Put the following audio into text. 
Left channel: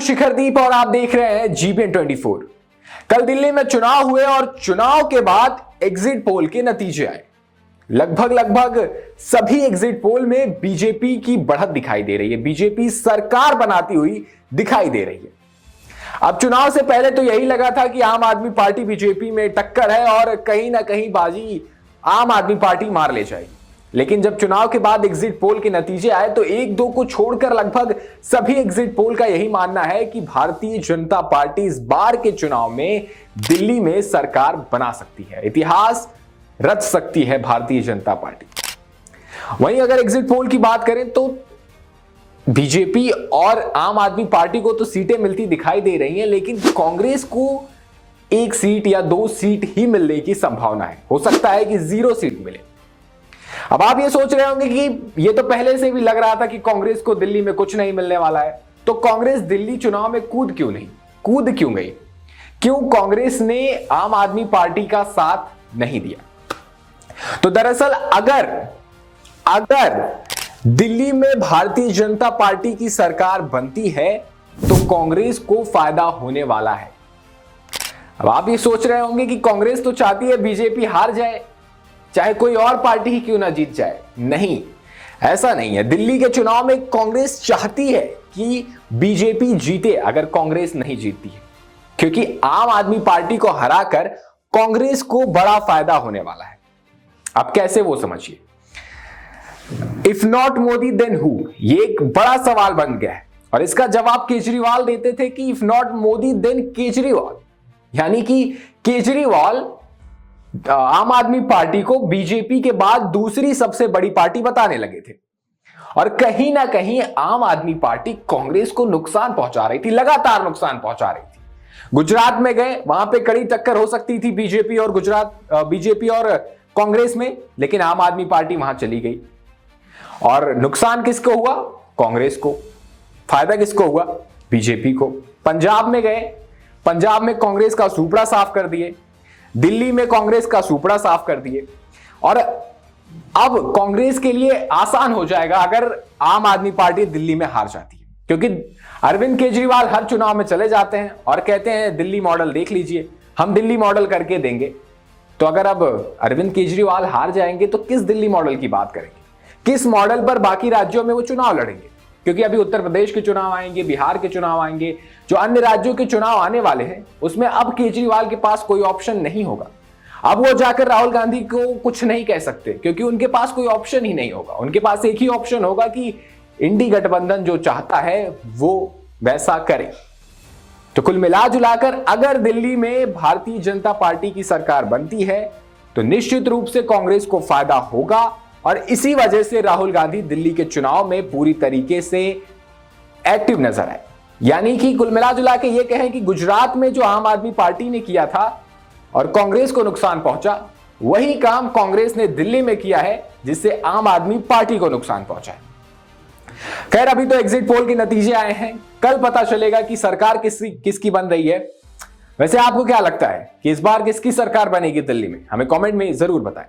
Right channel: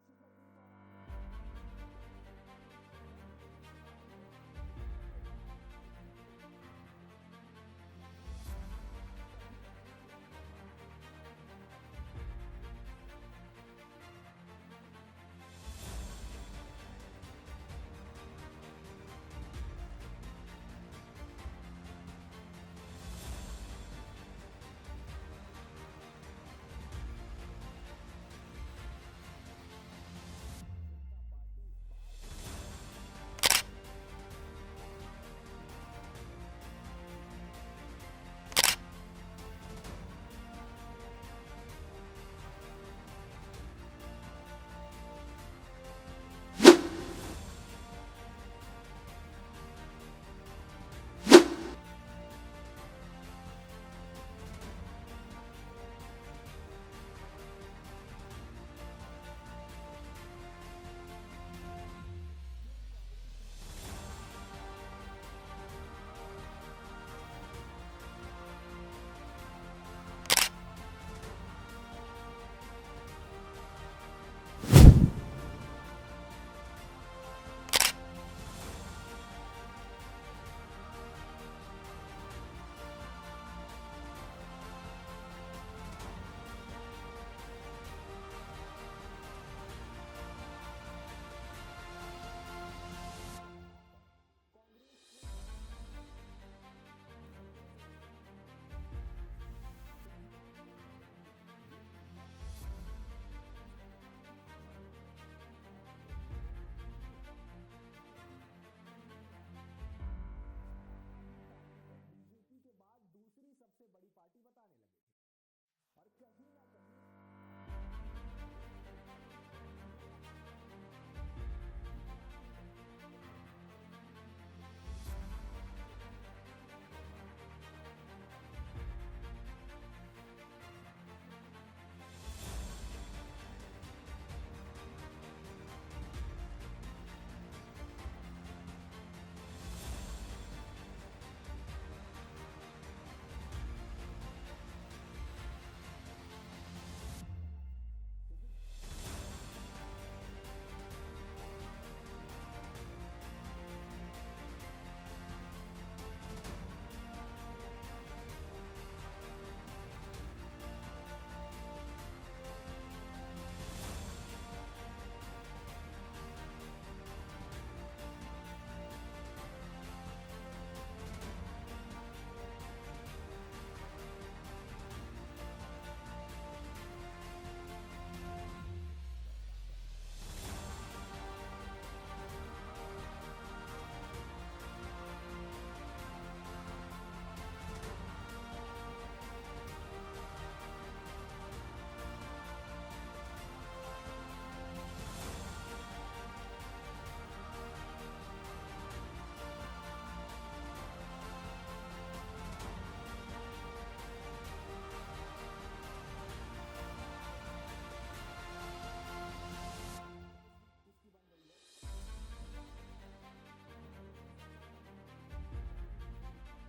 हूं शिखरदीप और आप देख रहे हैं जीबीएन 24। कल दिल्ली में चुनाव हुए और चुनाव के बाद एग्जिट पोल के नतीजे आए। लगभग सभी एग्जिट पोल में बीजेपी की बढ़त दिखाई दे रही है, बीजेपी सरकार बनाती हुई दिखाई दे रही है। अब चुनाव से पहले तो यही लगा था कि आम आदमी पार्टी बीजेपी में टक्कर है और कहीं ना कहीं बाजी आम आदमी पार्टी मार ले जाएगी। लेकिन जब चुनाव के बाद एग्जिट पोल के नतीजे आए तो एक दो को छोड़कर लगभग सभी एग्जिट पोल का यही मानना है कि भारतीय जनता पार्टी इस बार के चुनाव में दिल्ली में सरकार बना सकती है, इतिहास रच सकती है भारतीय जनता पार्टी। वहीं अगर एग्जिट पोल की बात करें तो बीजेपी और आम आदमी पार्टी को तो सीटें मिलती दिखाई दे रही हैं, लेकिन कांग्रेस को एक सीट या दो सीट ही मिलने की संभावना है। हो सकता है कि 0 सीट मिले। अब आप ये सोच रहे होंगे कि ये तो पहले से भी लग रहा था कि कांग्रेस को दिल्ली में कुछ नहीं मिलने वाला है, तो कांग्रेस दिल्ली चुनाव में कूद क्यों गई? क्यों कांग्रेस ने आम आदमी पार्टी का साथ नहीं दिया? तो दरअसल अगर दिल्ली में भारतीय जनता पार्टी की सरकार बनती है तो कांग्रेस को फायदा होने वाला है। अब आप ये सोच रहे होंगे कि कांग्रेस तो चाहती है बीजेपी हार जाए, चाहे कोई और पार्टी ही क्यों ना जीत जाए। नहीं, ऐसा नहीं है। दिल्ली के चुनाव में कांग्रेस चाहती है कि बीजेपी जीते अगर कांग्रेस नहीं जीतती है, क्योंकि आम आदमी पार्टी को हराकर कांग्रेस को बड़ा फायदा होने वाला है। अब कैसे, वो समझिए। If not Modi then who, ये एक बड़ा सवाल बन गया है और इसका जवाब केजरीवाल देते थे कि if not Modi then Kejriwal, यानी कि केजरीवाल आम आदमी पार्टी को बीजेपी के बाद दूसरी सबसे बड़ी पार्टी बताने लगे थे और कहीं ना कहीं आम आदमी पार्टी कांग्रेस को नुकसान पहुंचा रही थी, लगातार नुकसान पहुंचा रही थी। गुजरात में गए, वहां पे कड़ी टक्कर हो सकती थी बीजेपी और कांग्रेस में, लेकिन आम आदमी पार्टी वहां चली गई और नुकसान किसको हुआ? कांग्रेस को। फायदा किसको हुआ? बीजेपी को। पंजाब में गए, पंजाब में कांग्रेस का सुपड़ा साफ कर दिए, दिल्ली में कांग्रेस का सुपड़ा साफ कर दिए और अब कांग्रेस के लिए आसान हो जाएगा अगर आम आदमी पार्टी दिल्ली में हार जाती है, क्योंकि अरविंद केजरीवाल हर चुनाव में चले जाते हैं और कहते हैं दिल्ली मॉडल देख लीजिए, हम दिल्ली मॉडल करके देंगे। तो अगर अब अरविंद केजरीवाल हार जाएंगे तो किस दिल्ली मॉडल की बात करेंगे? किस मॉडल पर बाकी राज्यों में वो चुनाव लड़ेंगे? क्योंकि अभी उत्तर प्रदेश के चुनाव आएंगे, बिहार के चुनाव आएंगे, जो अन्य राज्यों के चुनाव आने वाले हैं उसमें अब केजरीवाल के पास कोई ऑप्शन नहीं होगा। अब वो जाकर राहुल गांधी को कुछ नहीं कह सकते क्योंकि उनके पास कोई ऑप्शन ही नहीं होगा। उनके पास एक ही ऑप्शन होगा कि इंडी गठबंधन जो चाहता है वो वैसा करे। तो कुल मिला जुलाकर अगर दिल्ली में भारतीय जनता पार्टी की सरकार बनती है तो निश्चित रूप से कांग्रेस को फायदा होगा और इसी वजह से राहुल गांधी दिल्ली के चुनाव में पूरी तरीके से एक्टिव नजर आए। यानी कि कुल मिला जुला के ये कहें कि गुजरात में जो आम आदमी पार्टी ने किया था और कांग्रेस को नुकसान पहुंचा, वही काम कांग्रेस ने दिल्ली में किया है जिससे आम आदमी पार्टी को नुकसान पहुंचा है। खैर, अभी तो एग्जिट पोल के नतीजे आए हैं, कल पता चलेगा कि सरकार किसकी बन रही है। वैसे आपको क्या लगता है कि इस बार किसकी सरकार बनेगी दिल्ली में? हमें कमेंट में जरूर बताएं।